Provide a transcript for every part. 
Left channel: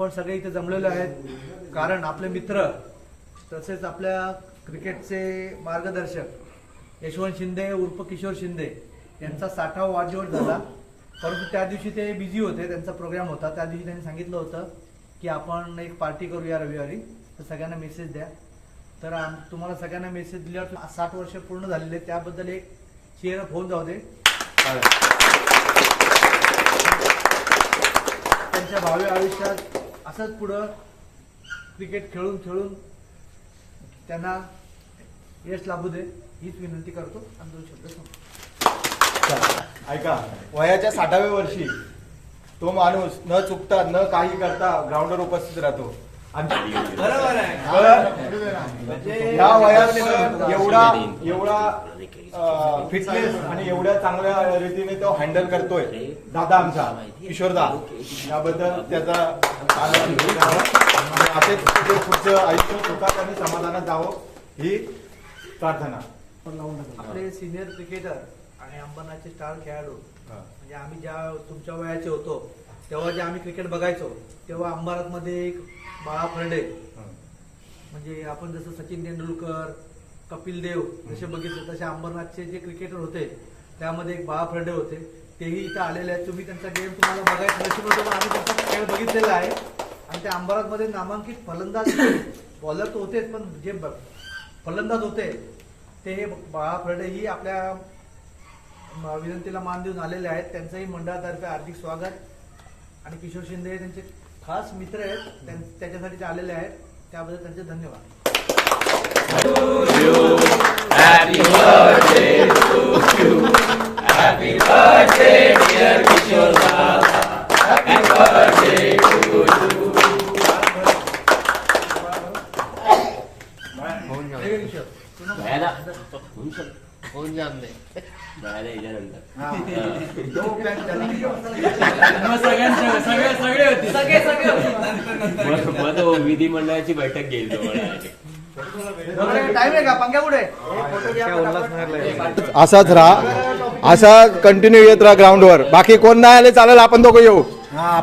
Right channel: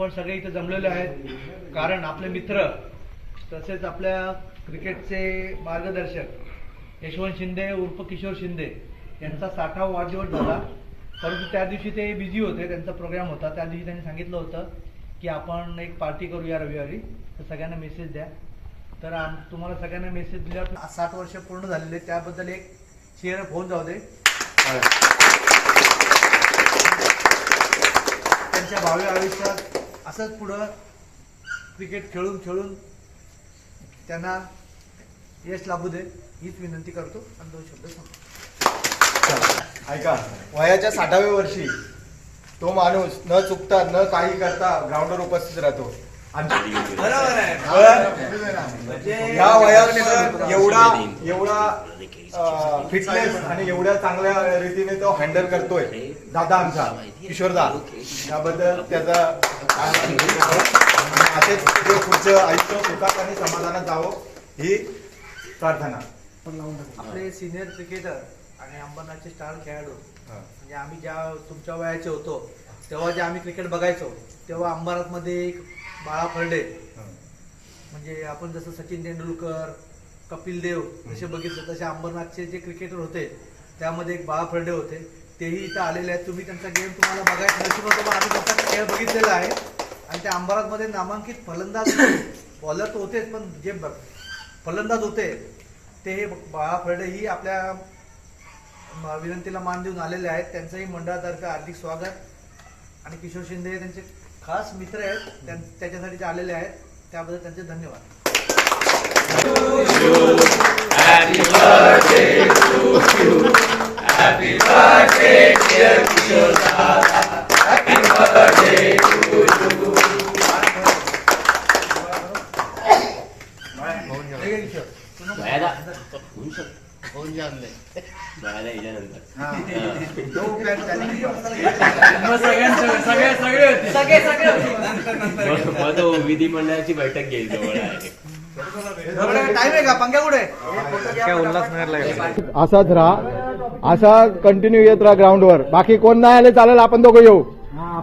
आपण सगळे इथे जमलेलो आहेत कारण आपले मित्र तसेच आपल्या क्रिकेटचे मार्गदर्शक यशवंत शिंदे उर्फ किशोर शिंदे यांचा 60वा वाढदिवस झाला. परंतु त्या दिवशी ते बिझी होते, त्यांचा प्रोग्राम होता. त्या दिवशी त्यांनी सांगितलं होतं की आपण एक पार्टी करूया रविवारी, तर सगळ्यांना मेसेज द्या. तर तुम्हाला सगळ्यांना मेसेज दिल्यावर 60 वर्ष पूर्ण झालेले, त्याबद्दल एक चेअर अप होऊन जाऊ दे. त्यांच्या भावी आयुष्यात असंच पुढं क्रिकेट खेळून खेळून त्यांना यश लाभू दे हीच विनंती करतो आणि 2 शब्द सांगतो. ऐका, वयाच्या 60व्या वर्षी तो माणूस न चुकता न काही करता ग्राउंडवर उपस्थित राहतो. या वयात एवढा फिटनेस आणि एवढ्या चांगल्या रीतीने तो हँडल करतोय दादा आमचा किशोरदा, याबद्दल त्याचा असेच पुढचं आयुष्य सुखात आणि समाधानात जावं ही प्रार्थना. आपले सिनियर क्रिकेटर आणि अंबरनाथचे स्टार खेळाडू म्हणजे आम्ही ज्या तुमच्या वयाचे होतो तेव्हा जे आम्ही क्रिकेट बघायचो तेव्हा अंबरनाथमध्ये एक बाळा फर्डे, म्हणजे आपण जसं सचिन तेंडुलकर कपिल देव जसे बघितलं तसे अंबरनाथचे जे क्रिकेटर होते त्यामध्ये एक बाळा फर्डे होते. तेही इथं आलेले आहेत. तुम्ही त्यांचा गेम तुम्हाला बघायचं नशीब होतं, पण आम्ही त्यांचा खेळ बघितलेला आहे. आणि त्या अंबरनाथमध्ये नामांकित फलंदाज बॉलर तर होतेच, पण जे फलंदाज होते ते बाळा फर्डे ही आपल्या विनंतीला मान देऊन आलेले आहेत. त्यांचंही मंडळातर्फे हार्दिक स्वागत. आणि किशोर शिंदे त्यांचे खास मित्र आहेत, त्याच्यासाठी ते आलेले आहेत, त्याबद्दल त्यांचे धन्यवाद. Happy birthday to you. Happy birthday dear Kishore. Happy birthday to you. विधिमंडळाची बैठक घेईल. असाच राहा, असा कंटिन्यू येत राहा ग्राउंडवर. बाकी कोण नाही आले चालेल, आपण दोघं येऊ.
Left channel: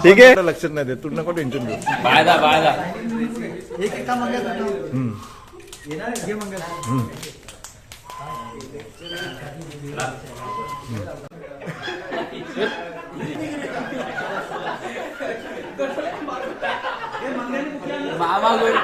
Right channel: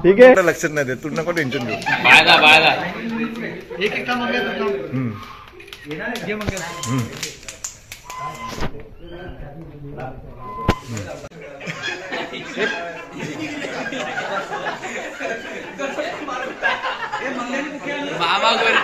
ठीक आहे, लक्षात नाही देत, तू नको टेन्शन घेऊ. बाबा गोल